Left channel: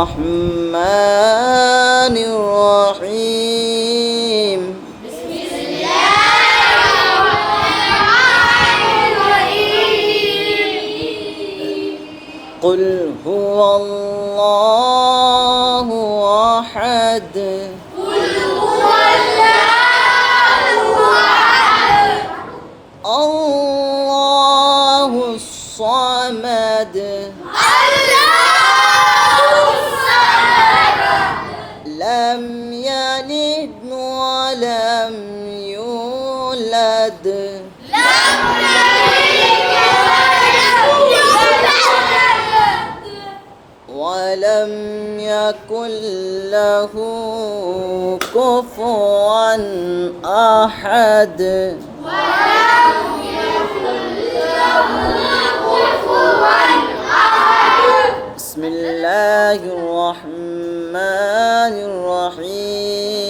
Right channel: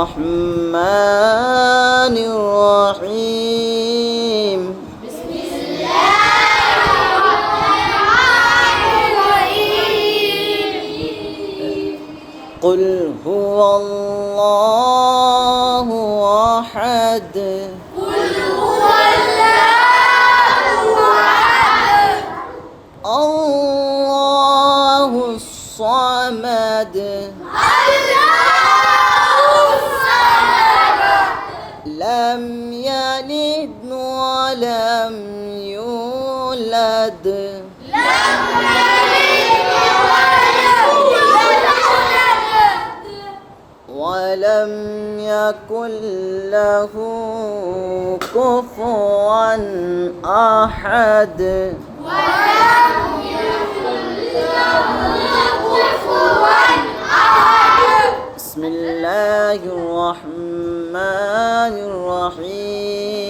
الرحمن الرحيم بسم الله الرحمن الرحيم قل هو الله أحد قل هو الله أحد الله الصمد لم يلد ولم يولد ولم يكن له كفوا أحد بسم الله الرحمن الرحيم